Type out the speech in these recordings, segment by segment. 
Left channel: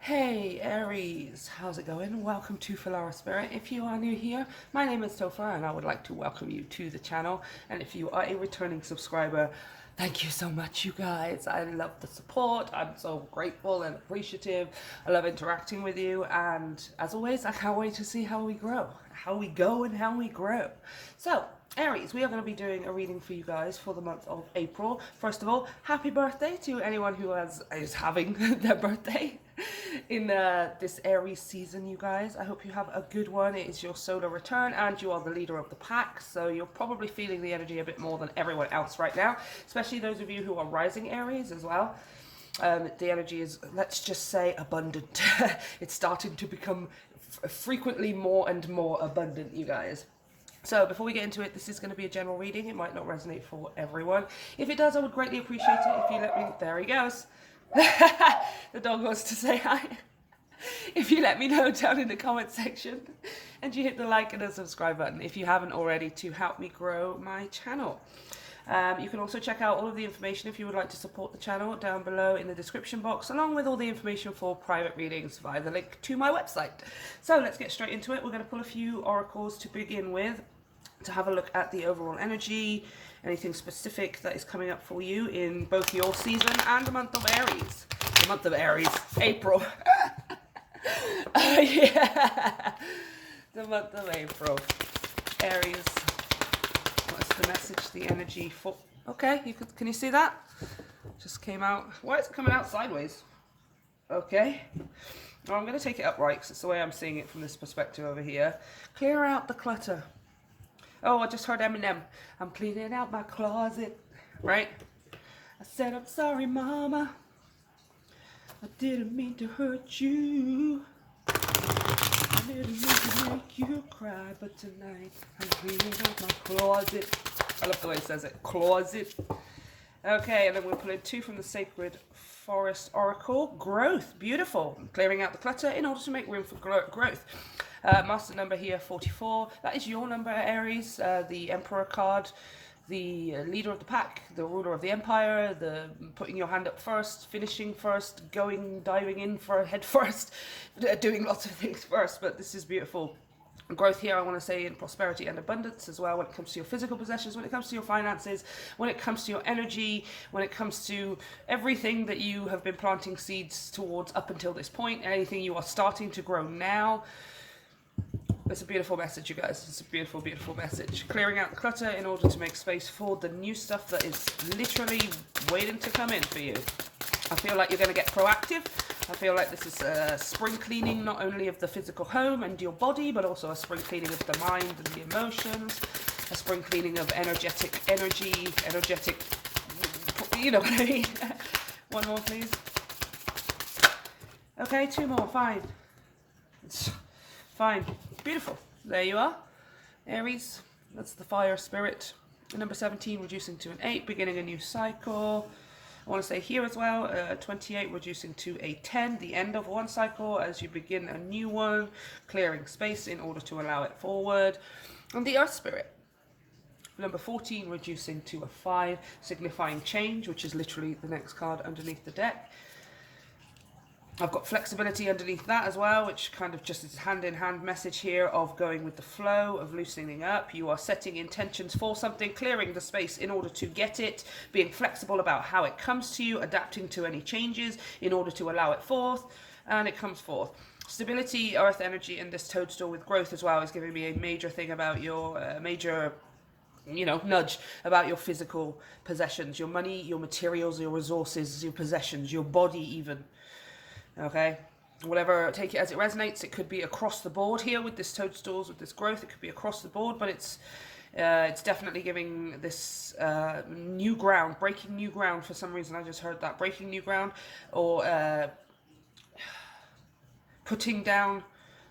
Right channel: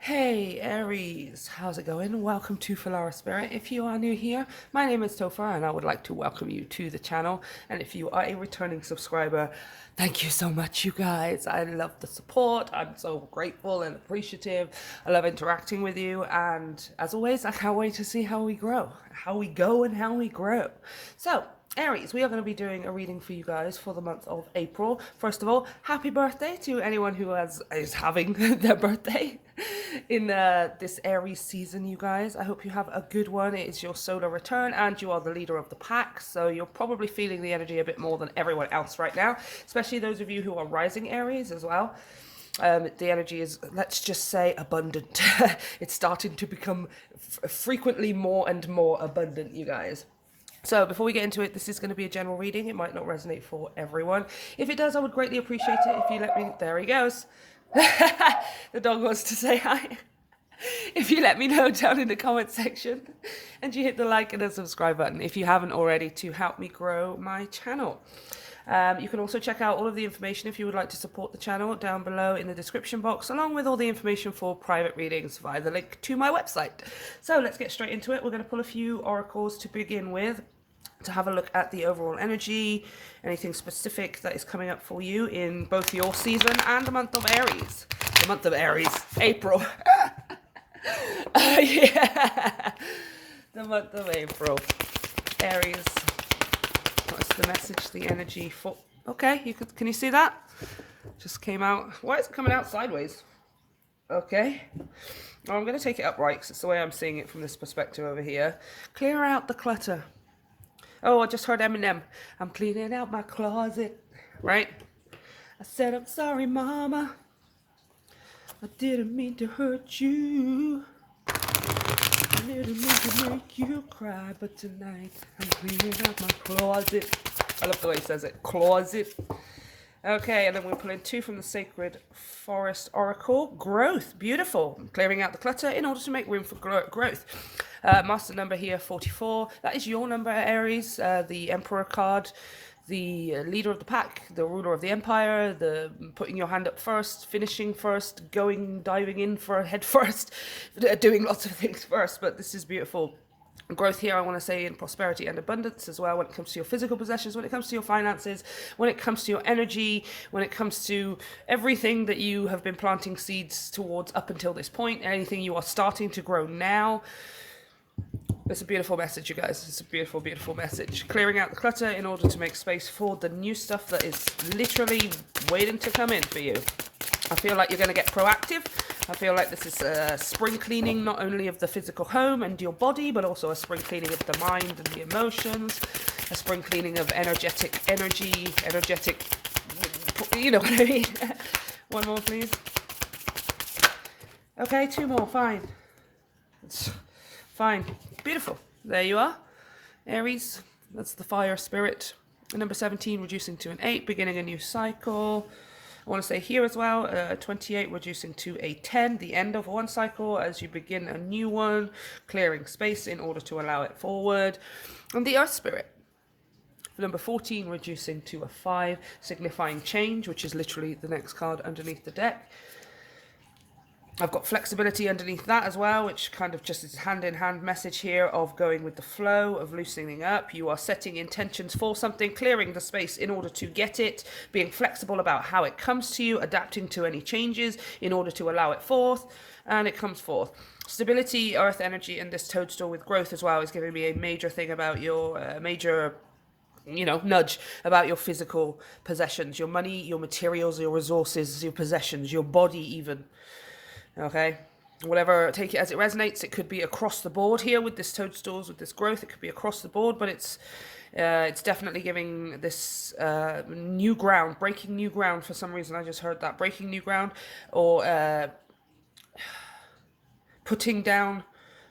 Hey Aries, how's it going? Welcome to Filara Spirit. If you are new here, my name is Topher and I would like to welcome you to the channel. And if you are a returning subscriber, thank you so much, you guys. I love the support. I'm so grateful and appreciative. I love interacting with you. And as always, I can't wait to see how we grow, how we go and how we grow. So, Aries, we are going to be doing a reading for you guys for the month of April. First of all, happy birthday to anyone who is having their birthday in this Aries season, you guys. I hope you have a good one. It is your solar return and you are the leader of the pack, so you're probably feeling the energy a bit more than everyone else right now, especially those of you who are rising Aries as well. The energy is, let's just say, abundant. It's starting to become frequently more and more abundant, you guys. So before we get into it, this is going to be a general reading. It might not resonate for everyone. If it does, I would greatly appreciate it if you let me... There he goes. The dog wants to say hi. If you let me know down in the comment section and you hit the like and the subscribe button if you haven't already, to help me grow my channel. You can also check out all of the information if you would like to support the channel down below in the description box, along with all the information for private readings via the link to my website. So let's get straight into it. We're going to pull a few oracles to begin with, to have a look at the overall energy, anything specific that is coming up for you in both your season and the month of Aries. The month of Aries, April. Yeah, the month of April. Aries. What's the message, the energy for... Okay, can you see that? Just came out. Why is it coming out sideways? Okay. Well, I'm going to take it upright because it's the way I'm seeing it from this perspective over here. Clear out the clutter. Oh, I just heard Eminem. I'm cleaning out my closet. Right? I said, I'm sorry, mama. I didn't mean to hurt you. I didn't mean to make you cry. But tonight, I'm cleaning out my closet. I love the way he says it. Closet. Okay, and then we'll pull in two from the Sacred Forest Oracle. Growth. Beautiful. Clearing out the clutter in order to make room for growth. Master number here, 44. That is your number, Aries. The Emperor card. The leader of the pack, the ruler of the empire, the putting your hand up first, finishing first, diving in for head first, doing lots of things first. But this is beautiful. Growth here, I want to say, in prosperity and abundance as well, when it comes to your physical possessions, when it comes to your finances, when it comes to your energy, when it comes to everything that you have been planting seeds towards up until this point, anything you are starting to grow now. It's a beautiful message, you guys. It's a beautiful, beautiful message. Clearing out the clutter in order to make space for the new stuff that is literally waiting to come in for you. I feel like you're going to get proactive. I feel like this is a spring cleaning, not only of the physical home and your body, but also a spring cleaning of the mind and the emotions, a spring cleaning of energetic, you know what I mean? One more, please. Okay, two more, fine. Fine. Beautiful. There you are. Aries, that's the fire spirit. Number 17, reducing to an 8, beginning a new cycle. I want to say here as well, 28, reducing to a 10, the end of one cycle as you begin a new one, clearing space in order to allow it forward. And the earth spirit. Number 14, reducing to a 5, signifying change, which is literally the next card underneath the deck. I've got flexibility underneath that as well, which kind of just is a hand-in-hand message here of going with the flow, of loosening up. You are setting intentions for something, clearing the space in order to get it, being flexible about how it comes to you, adapting to any changes in order to allow it forth, and it comes forth. Stability, earth energy, and this toadstool with growth as well is giving me a major thing about your nudge about your physical possessions, your money, your materials, your resources, your possessions, your body even. Okay, whatever, take it as it resonates. It could be across the board here with this toadstools, with this growth. It could be across the board, but it's definitely giving this new ground, breaking new ground. For some reason, I just heard that, breaking new ground, or putting down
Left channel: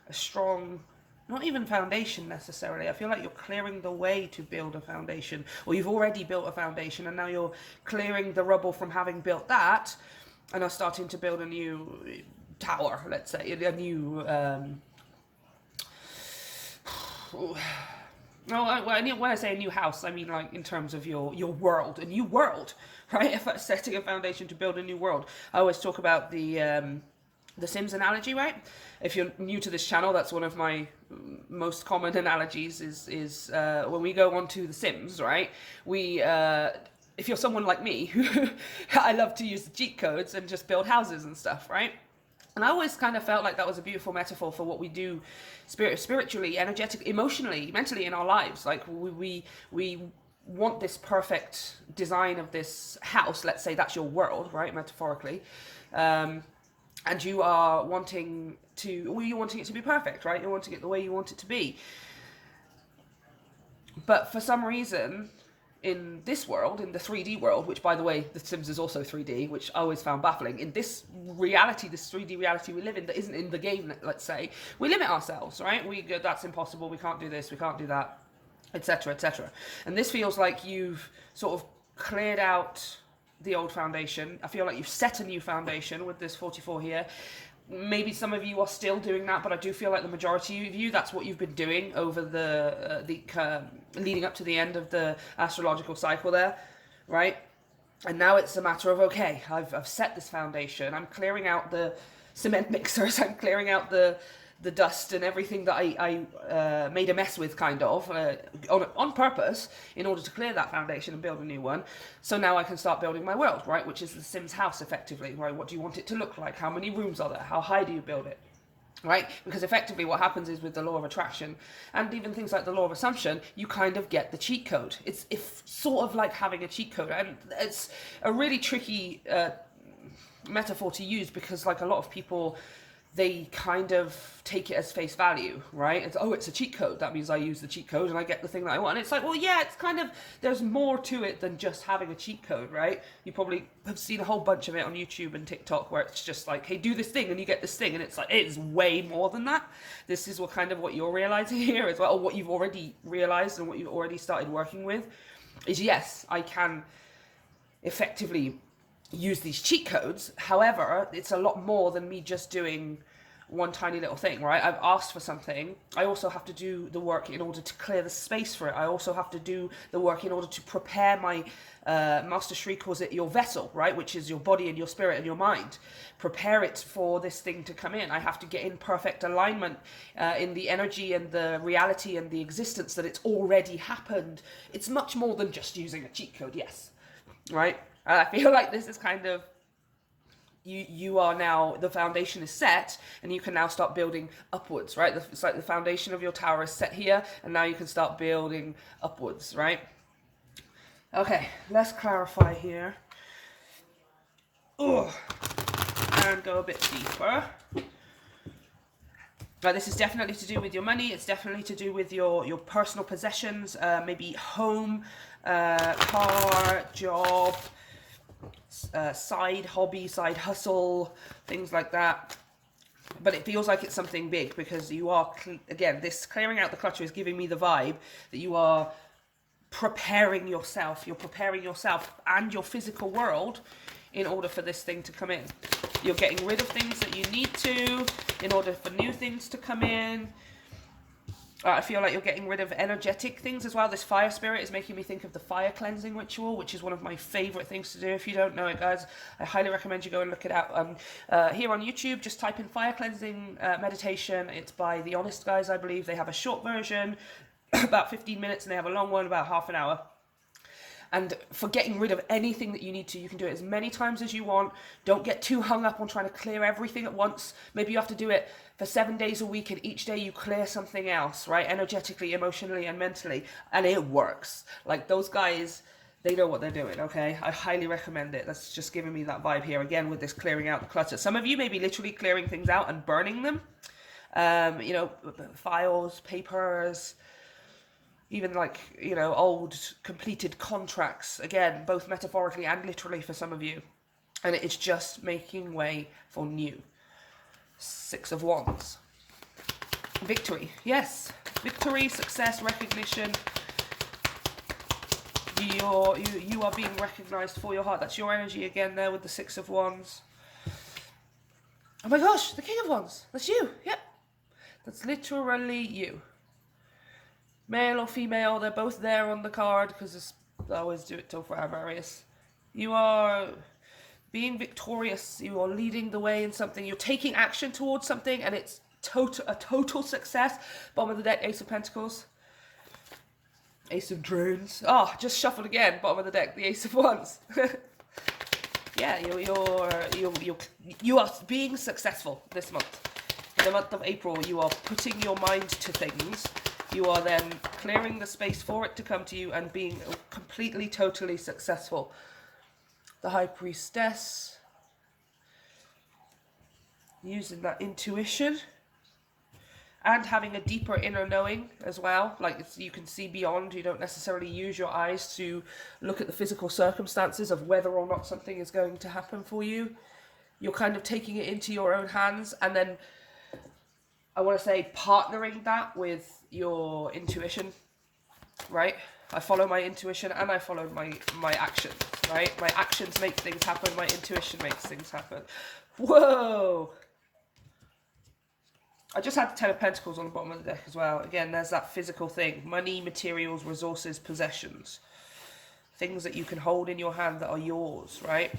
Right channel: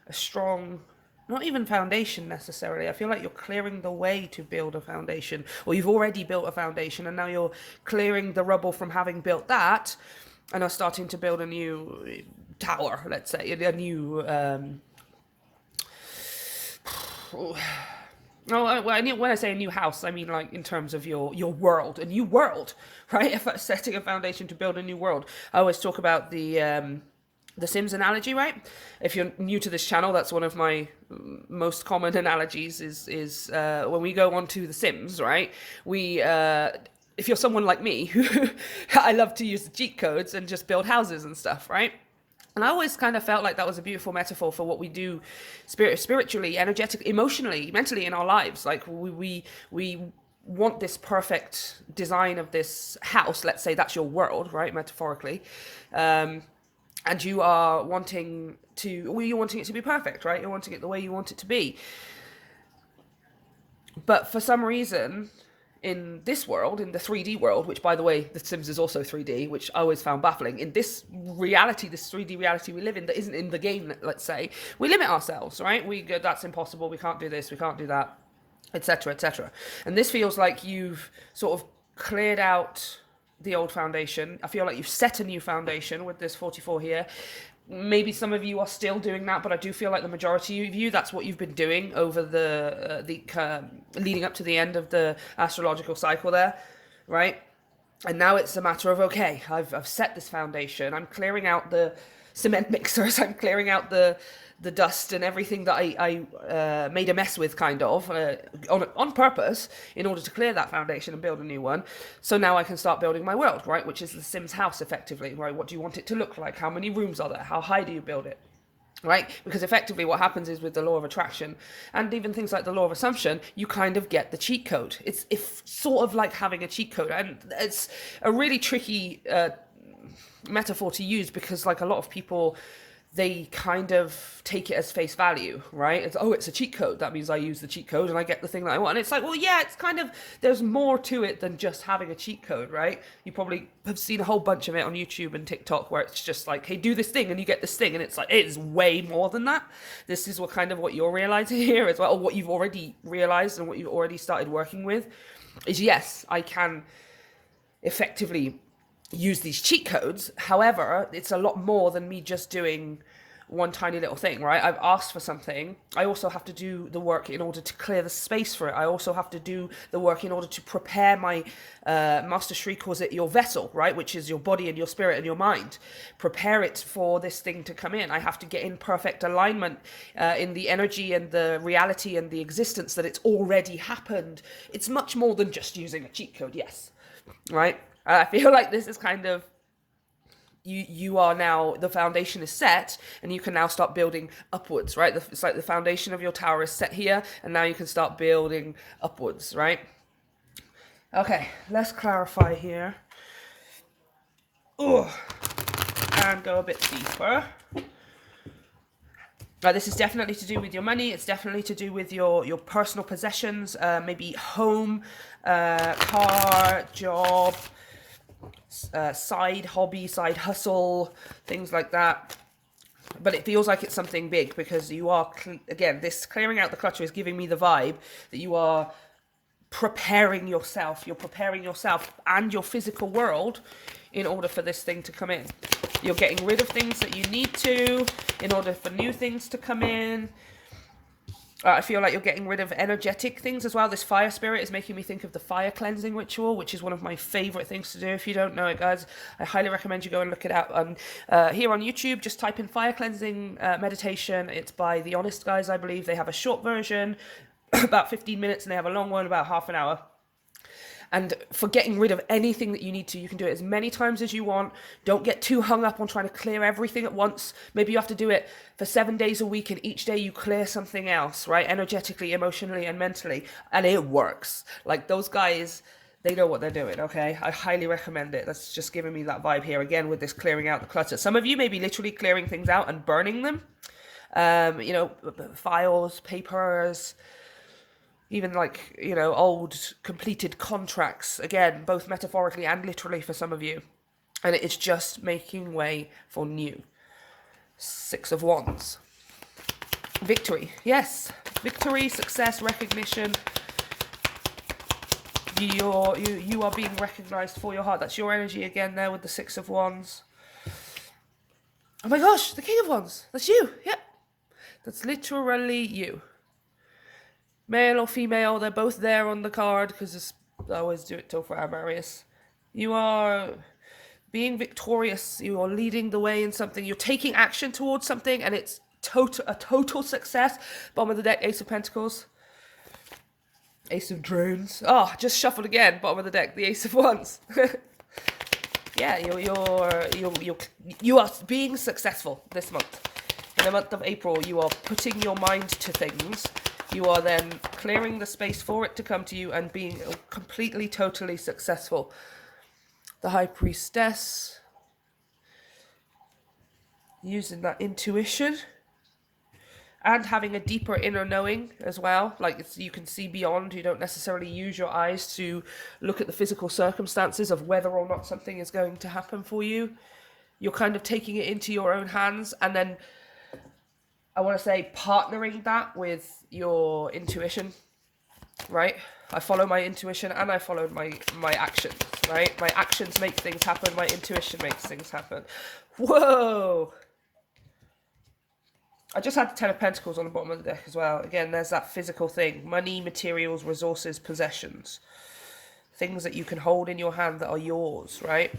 a strong, not even foundation necessarily. I feel like you're clearing the way to build a foundation, or you've already built a foundation and now you're clearing the rubble from having built that, and are starting to build a new tower, let's say, a new... when I say a new house, I mean like in terms of your world, a new world, right? If I'm setting a foundation to build a new world, I always talk about the the Sims analogy, right? If you're new to this channel, that's one of my most common analogies is when we go onto the Sims, right? We if you're someone like me who I love to use the cheat codes and just build houses and stuff, right? And I always kind of felt like that was a beautiful metaphor for what we do spiritually, energetically, emotionally, mentally in our lives. Like we want this perfect design of this house. Let's say that's your world, right? Metaphorically. And you are wanting to, well, you're wanting it to be perfect, right? You're wanting it the way you want it to be. But for some reason, in this world, in the 3D world, which by the way, The Sims is also 3D, which I always found baffling. In this reality, this 3D reality we live in, that isn't in the game, let's say, we limit ourselves, right? We go, that's impossible, we can't do this, we can't do that, etc., etc. And this feels like you've sort of cleared out the old foundation. I feel like you've set a new foundation with this 44 here. Maybe some of you are still doing that, but I do feel like the majority of you, that's what you've been doing over the leading up to the end of the astrological cycle there, right? And now it's a matter of, okay, I've set this foundation. I'm clearing out the cement mixers. I'm clearing out the dust and everything that I made a mess with, kind of, on purpose, in order to clear that foundation and build a new one. So now I can start building my world, right? Which is the Sims house, effectively, right? What do you want it to look like? How many rooms are there? How high do you build it? Right? Because effectively what happens is with the law of attraction and even things like the law of assumption, you kind of get the cheat code. It's sort of like having a cheat code. And it's a really tricky metaphor to use because, like, a lot of people, they kind of take it as face value, right? It's, oh, it's a cheat code. That means I use the cheat code and I get the thing that I want. And it's like, well, yeah, it's kind of, there's more to it than just having a cheat code, right? You probably have seen a whole bunch of it on YouTube and TikTok where it's just like, hey, do this thing and you get this thing. And it's like, it is way more than that. This is what you're realizing here as well, or what you've already realized and what you've already started working with is, yes, I can effectively use these cheat codes. However, it's a lot more than me just doing one tiny little thing, right? I've asked for something. I also have to do the work in order to clear the space for it. I also have to do the work in order to prepare my, Master Shri calls it your vessel, right? Which is your body and your spirit and your mind. Prepare it for this thing to come in. I have to get in perfect alignment in the energy and the reality and the existence that it's already happened. It's much more than just using a cheat code, yes, right? I feel like this is kind of, you are now, the foundation is set and you can now start building upwards, right? It's like the foundation of your tower is set here and now you can start building upwards, right? Okay, let's clarify here. Ugh. And go a bit deeper. Now, this is definitely to do with your money. It's definitely to do with your personal possessions, maybe home, car, job, side hobby, side hustle, things like that. But it feels like it's something big because you are, again, this clearing out the clutter is giving me the vibe that you are preparing yourself. You're preparing yourself and your physical world in order for this thing to come in. You're getting rid of things that you need to in order for new things to come in. I feel like you're getting rid of energetic things as well. This fire spirit is making me think of the fire cleansing ritual, which is one of my favorite things to do. If you don't know it, guys, I highly recommend you go and look it up. Here on YouTube, just type in fire cleansing meditation. It's by the Honest Guys, I believe. They have a short version, about 15 minutes, and they have a long one, about half an hour. And for getting rid of anything that you need to, you can do it as many times as you want. Don't get too hung up on trying to clear everything at once. Maybe you have to do it for 7 days a week and each day you clear something else, right? Energetically, emotionally, and mentally. And it works. Like, those guys, they know what they're doing, okay? I highly recommend it. That's just giving me that vibe here again with this clearing out the clutter. Some of you may be literally clearing things out and burning them. You know, files, papers, even like, you know, old completed contracts, again, both metaphorically and literally for some of you. And it's just making way for new. 6 of Wands. Victory. Yes. Victory, success, recognition. You are being recognized for your heart. That's your energy again there with the 6 of Wands. Oh my gosh, the King of Wands. That's you. Yep. That's literally you. Male or female, they're both there on the card because I always do it till for Aries. You are being victorious. You are leading the way in something. You're taking action towards something, and it's a total success. Bottom of the deck, Ace of Pentacles. Ace of Drones. Oh, just shuffled again. Bottom of the deck, the Ace of Wands. Yeah, you are being successful this month. In the month of April, you are putting your mind to things. You are then clearing the space for it to come to you and being completely, totally successful. The High Priestess. Using that intuition. And having a deeper inner knowing as well. Like you can see beyond. You don't necessarily use your eyes to look at the physical circumstances of whether or not something is going to happen for you. You're kind of taking it into your own hands, and then I want to say partnering that with your intuition, right? I follow my intuition and I follow my actions, right? My actions make things happen. My intuition makes things happen. Whoa! I just had the Ten of Pentacles on the bottom of the deck as well. Again, there's that physical thing. Money, materials, resources, possessions. Things that you can hold in your hand that are yours, right?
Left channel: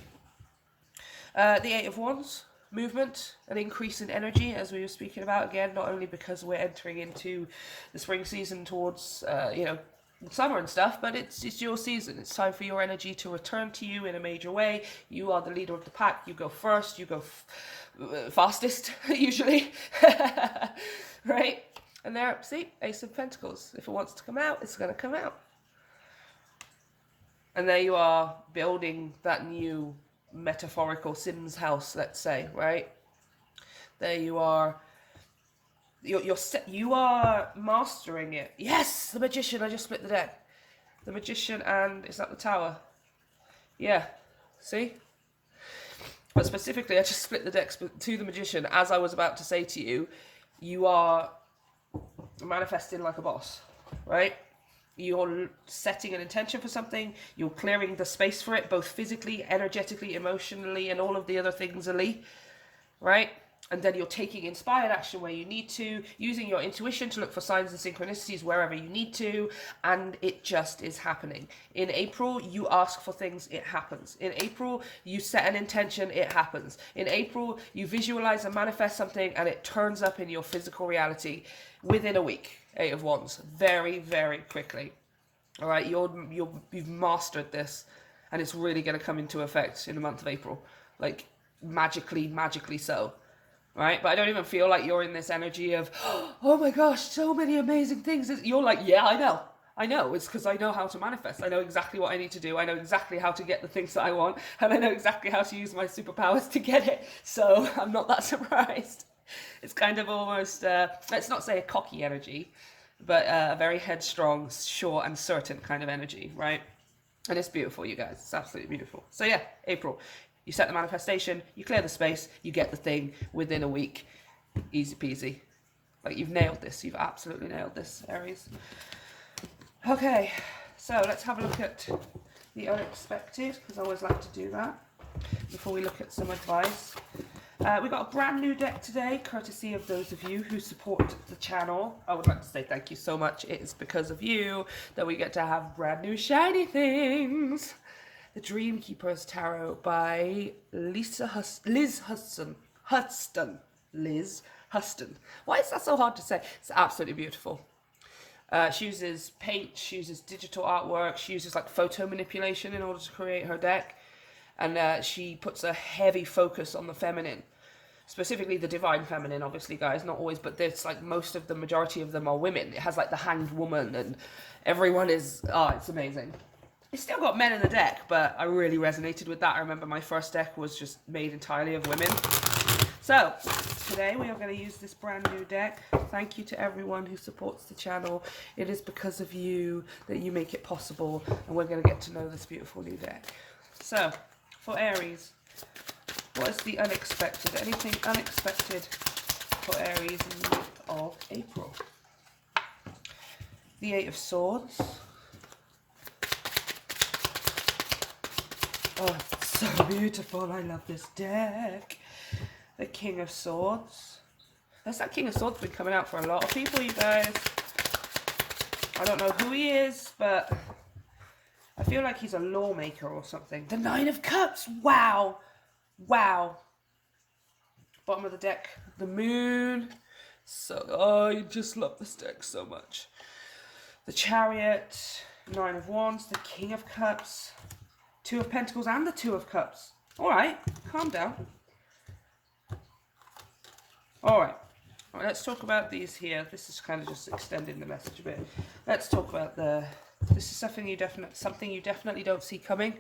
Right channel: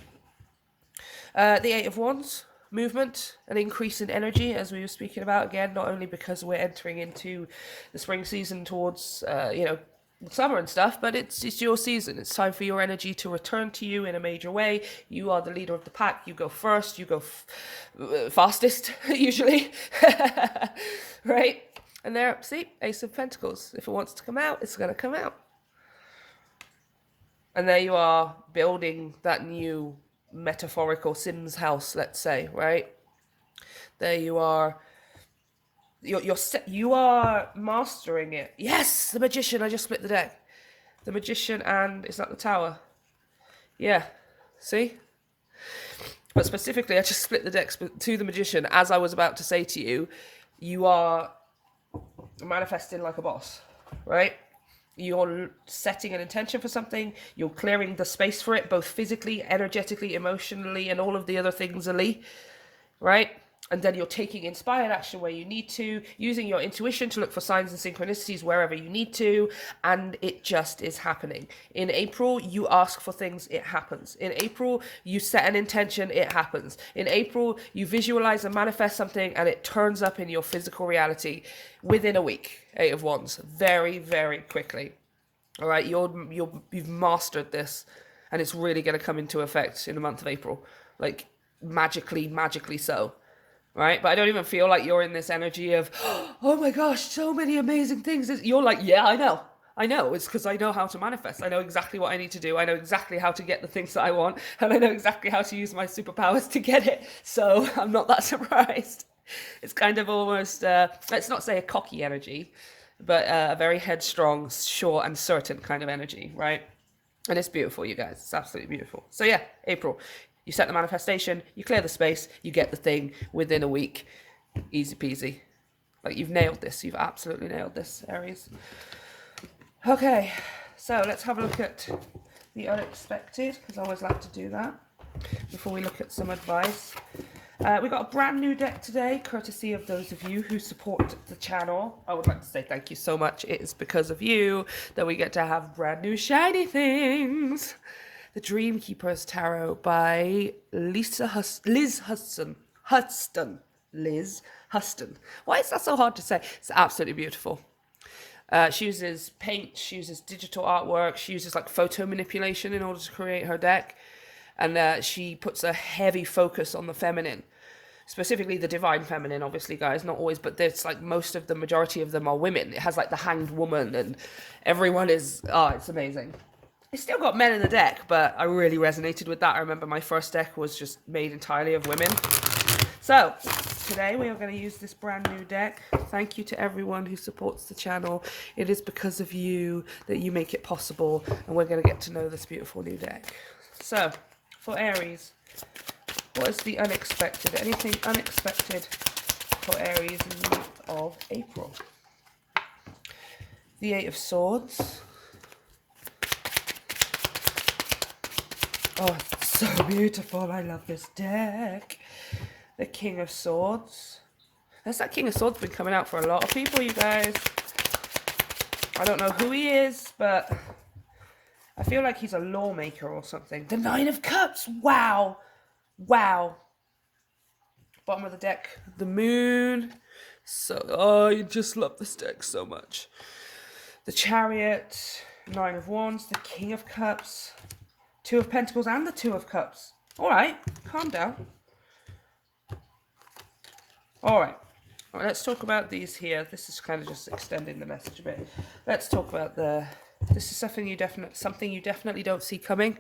The Eight of Wands. Movement, an increase in energy, as we were speaking about. Again, not only because we're entering into the spring season towards, summer and stuff, but it's your season. It's time for your energy to return to you in a major way. You are the leader of the pack. You go first. You go fastest, usually. Right? And there, see, Ace of Pentacles. If it wants to come out, it's going to come out. And there you are, building that new metaphorical Sims house, let's say, right? There you are. You are mastering it. Yes, the Magician. I just split the deck. The Magician, and is that the Tower? Yeah. See? But specifically, I just split the deck to the Magician. As I was about to say to you, you are manifesting like a boss, right? You're setting an intention for something. You're clearing the space for it, both physically, energetically, emotionally, and all of the other things, right? And then you're taking inspired action where you need to, using your intuition to look for signs and synchronicities wherever you need to, and it just is happening. In April, you ask for things, it happens. In April, you set an intention, it happens. In April, you visualize and manifest something, and it turns up in your physical reality within a week. Eight of Wands, very, very quickly. All right, you've mastered this, and it's really going to come into effect in the month of April, like magically so. Right? But I don't even feel like you're in this energy of, oh my gosh, so many amazing things. You're like, yeah, I know. It's because I know how to manifest. I know exactly what I need to do. I know exactly how to get the things that I want. And I know exactly how to use my superpowers to get it. So I'm not that surprised. It's kind of almost, let's not say a cocky energy, but a very headstrong, sure and certain kind of energy, right? And it's beautiful, you guys. It's absolutely beautiful. So yeah, April. You set the manifestation, you clear the space, you get the thing within a week. Easy peasy. Like, you've nailed this. You've absolutely nailed this, Aries. Okay, so let's have a look at the unexpected, because I always like to do that before we look at some advice. We got a brand new deck today, courtesy of those of you who support the channel. I would like to say thank you so much. It is because of you that we get to have brand new shiny things. The Dream Keeper's Tarot by Liz Huston. Liz Huston. Why is that so hard to say? It's absolutely beautiful. She uses paint, she uses digital artwork, she uses like photo manipulation in order to create her deck. And she puts a heavy focus on the feminine. Specifically the divine feminine, obviously, guys. Not always, but there's like the majority of them are women. It has like the Hanged Woman, and everyone is, it's amazing. It's still got men in the deck, but I really resonated with that. I remember my first deck was just made entirely of women. So, today we are going to use this brand new deck. Thank you to everyone who supports the channel. It is because of you that you make it possible, and we're going to get to know this beautiful new deck. So, for Aries, what is the unexpected? Anything unexpected for Aries in the month of April? The Eight of Swords. Oh, it's so beautiful. I love this deck. The King of Swords. There's that King of Swords been coming out for a lot of people, you guys. I don't know who he is, but I feel like he's a lawmaker or something. The Nine of Cups. Wow. Wow. Bottom of the deck, the moon. So, oh, I just love this deck so much. The Chariot, Nine of Wands, the King of Cups, Two of Pentacles, and the Two of Cups. All right, calm down. All right. All right, let's talk about these here. This is kind of just extending the message a bit. Let's talk about this is something you definitely don't see coming.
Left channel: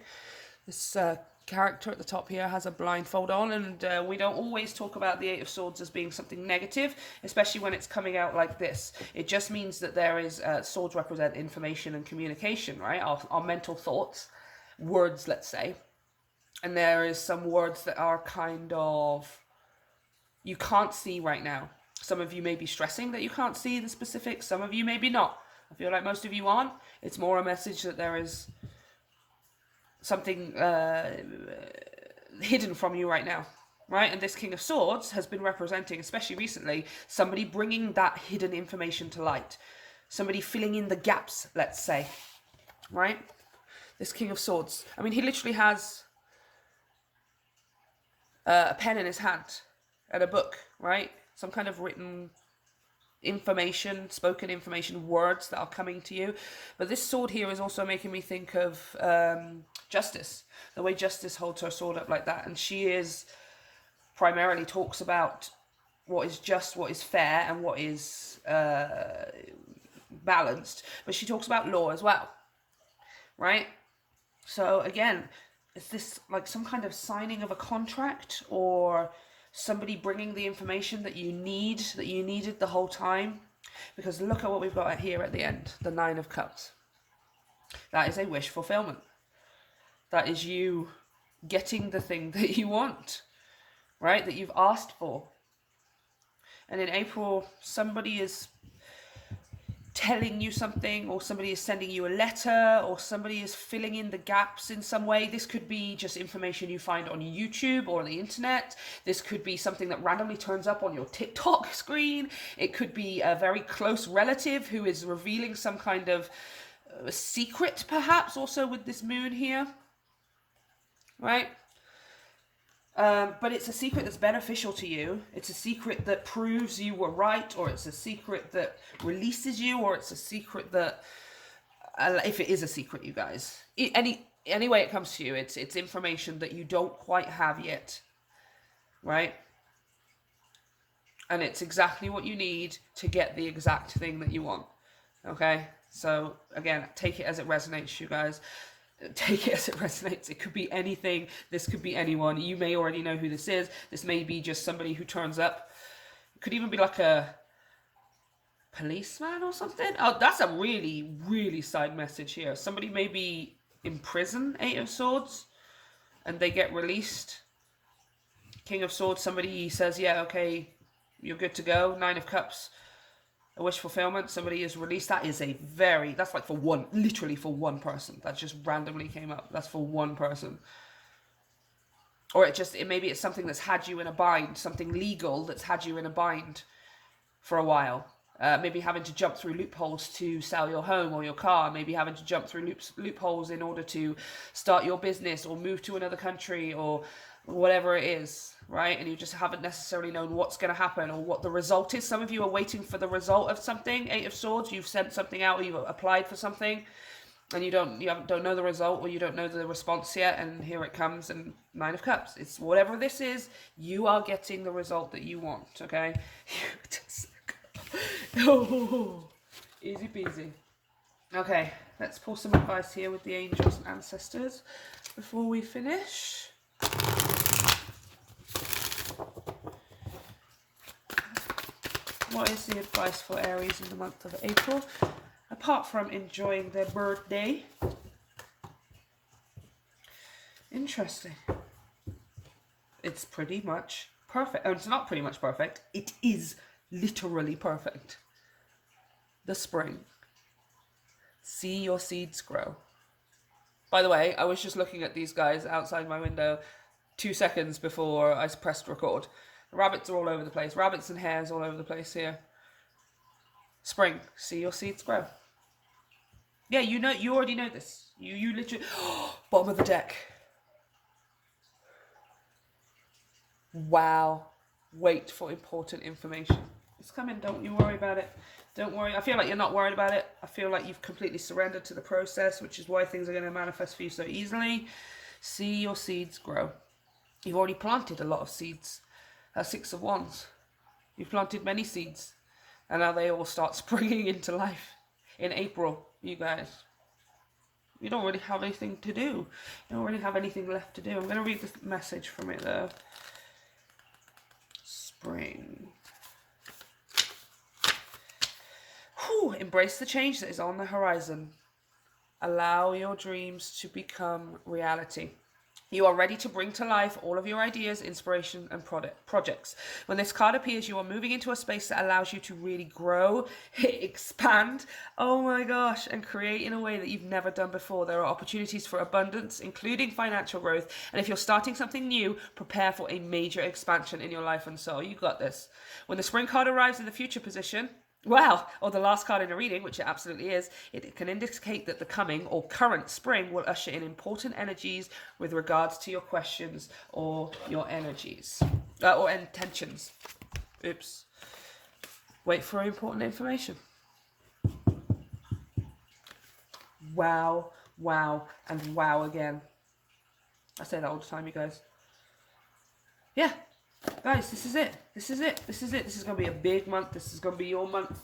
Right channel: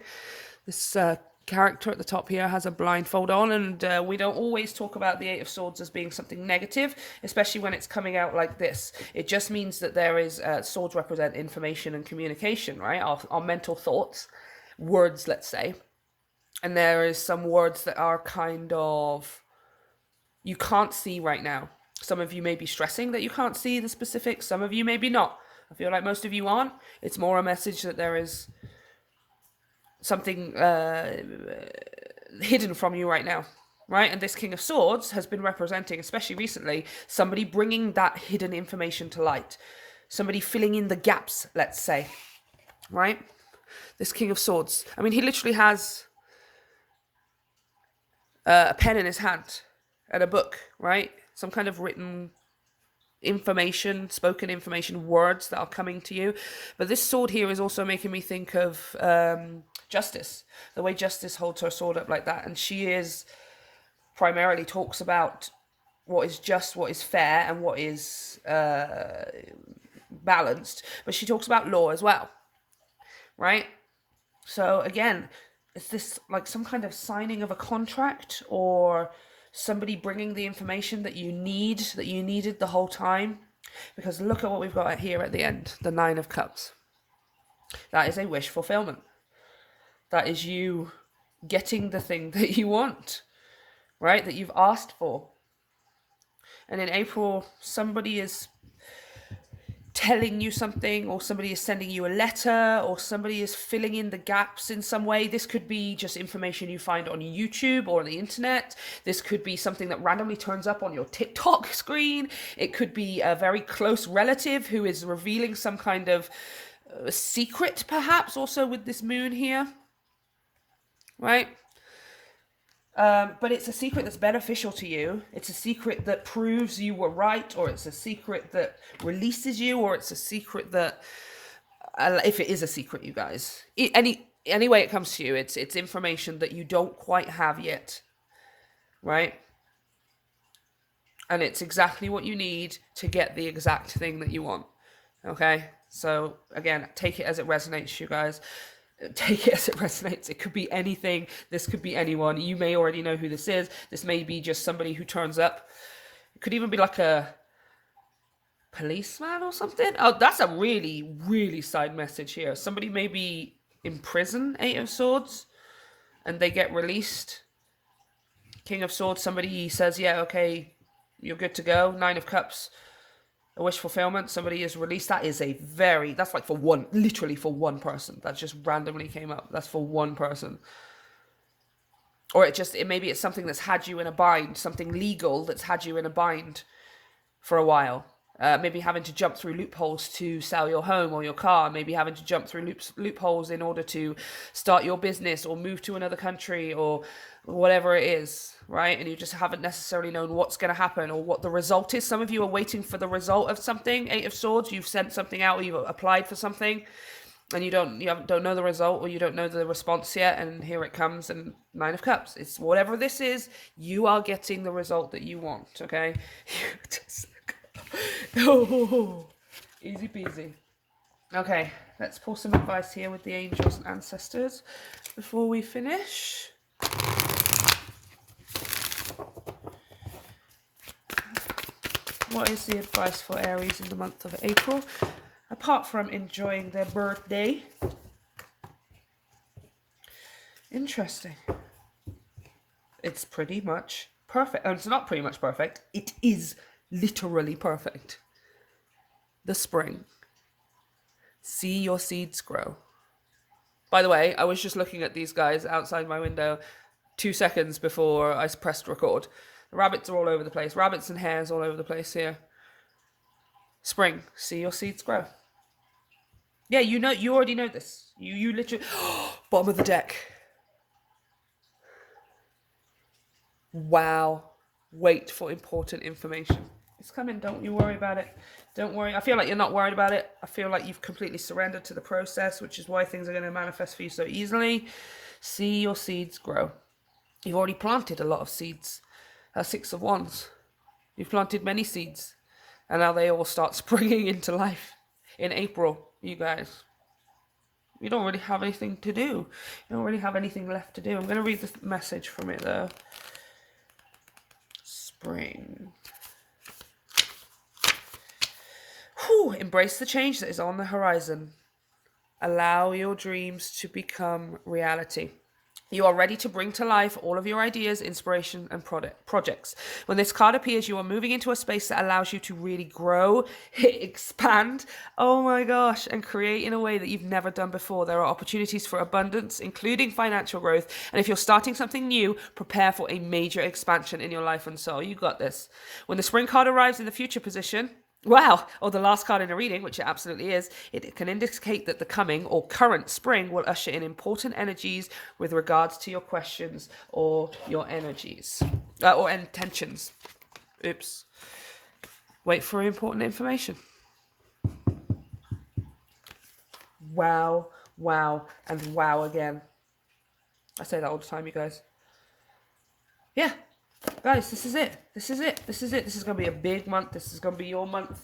This character at the top here has a blindfold on, and we don't always talk about the Eight of Swords as being something negative, especially when it's coming out like this. It just means that there is swords represent information and communication, right? Our mental thoughts, words, let's say, and there is some words that are kind of you can't see right now. Some of you may be stressing that you can't see the specifics. Some of you maybe not. I feel like most of you aren't. It's more a message that there is something hidden from you right now, right? And this King of Swords has been representing, especially recently, somebody bringing that hidden information to light, somebody filling in the gaps, let's say, right? This King of Swords, I mean, he literally has a pen in his hand and a book, right? Some kind of written information, spoken information, words that are coming to you. But this sword here is also making me think of Justice, the way Justice holds her sword up like that, and she is primarily talks about what is just, what is fair, and what is balanced, but she talks about law as well, right? So again, is this like some kind of signing of a contract, or somebody bringing the information that you needed the whole time? Because look at what we've got here at the end, the Nine of Cups. That is a wish fulfillment. That is you getting the thing that you want, right? That you've asked for. And in April, somebody is telling you something, or somebody is sending you a letter, or somebody is filling in the gaps in some way. This could be just information you find on YouTube or on the internet. This could be something that randomly turns up on your TikTok screen. It could be a very close relative who is revealing some kind of secret, perhaps, also with this moon here, right? But it's a secret that's beneficial to you. It's a secret that proves you were right, or it's a secret that releases you, or it's a secret that, if it is a secret, you guys, any way it comes to you, it's information that you don't quite have yet, right? And it's exactly what you need to get the exact thing that you want. Okay, so again, take it as it resonates, you guys. Take it as it resonates. It could be anything. This could be anyone. You may already know who this is. This may be just somebody who turns up. It could even be like a policeman or something. Oh, that's a really, really side message here. Somebody may be in prison, Eight of Swords, and they get released. King of Swords, somebody says, yeah, okay, you're good to go. Nine of Cups, a wish fulfillment. Somebody is released. That is that's like for one, literally for one person. That just randomly came up. That's for one person. Or maybe it's something that's had you in a bind, something legal that's had you in a bind for a while. Maybe having to jump through loopholes to sell your home or your car. Maybe having to jump through loopholes in order to start your business or move to another country or whatever it is, right? And you just haven't necessarily known what's going to happen or what the result is. Some of you are waiting for the result of something. Eight of Swords, you've sent something out, or you've applied for something, and you don't know the result, or you don't know the response yet, and here it comes. And Nine of Cups, it's whatever this is, you are getting the result that you want, okay? Oh, easy peasy. Okay, let's pull some advice here with the angels and ancestors before we finish. What is the advice for Aries in the month of April, apart from enjoying their birthday? Interesting. It's pretty much perfect. Oh, it's not pretty much perfect. It is literally perfect. The spring. See your seeds grow. By the way, I was just looking at these guys outside my window 2 seconds before I pressed record. The rabbits are all over the place. Rabbits and hares all over the place here. Spring. See your seeds grow. Yeah, you already know this. You literally... Bottom of the deck. Wow. Wait for important information. It's coming. Don't you worry about it. Don't worry. I feel like you're not worried about it. I feel like you've completely surrendered to the process, which is why things are going to manifest for you so easily. See your seeds grow. You've already planted a lot of seeds. That's Six of Wands. You've planted many seeds. And now they all start springing into life in April, you guys. You don't really have anything to do. You don't really have anything left to do. I'm going to read the message from it though. Spring. Whew, embrace the change that is on the horizon. Allow your dreams to become reality. You are ready to bring to life all of your ideas, inspiration, and projects. When this card appears, you are moving into a space that allows you to really grow, expand, oh my gosh, and create in a way that you've never done before. There are opportunities for abundance, including financial growth. And if you're starting something new, prepare for a major expansion in your life and soul. You got this. When the spring card arrives in the future position, wow, or the last card in a reading, which it absolutely is, it can indicate that the coming or current spring will usher in important energies with regards to your questions or your energies, or intentions. Oops. Wait for important information. Wow, wow, and wow again. I say that all the time, you guys. Yeah. Guys, this is it. This is it. This is it. This is going to be a big month. This is going to be your month.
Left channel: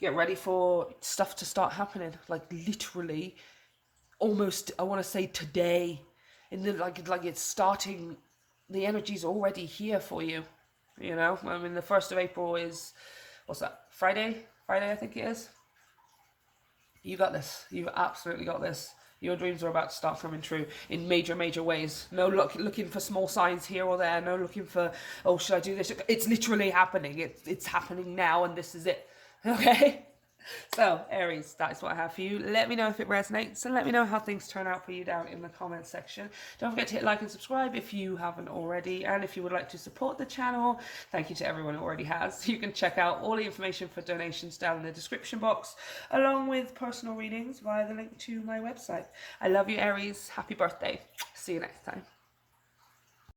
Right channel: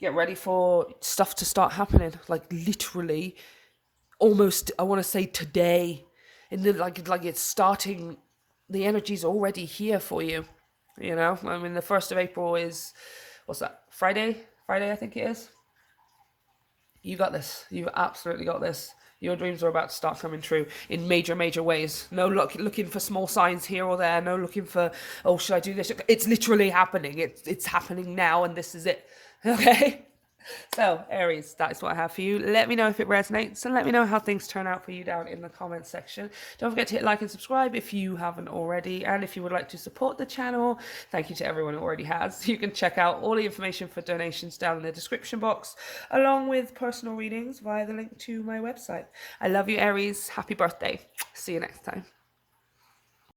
Get ready for stuff to start happening. Like literally, almost, I want to say today. In the like it's starting. The energy's already here for you. You know, I mean, the 1st of April is, what's that? Friday, I think it is. You got this. You've absolutely got this. Your dreams are about to start coming true in major, major ways. No looking for small signs here or there. No looking for, oh, should I do this? It's literally happening. It's happening now, and this is it. Okay? So, Aries, that is what I have for you. Let me know if it resonates, and let me know how things turn out for you down in the comments section. Don't forget to hit like and subscribe if you haven't already. And if you would like to support the channel, thank you to everyone who already has. You can check out all the information for donations down in the description box, along with personal readings via the link to my website. I love you, Aries. Happy birthday. See you next time.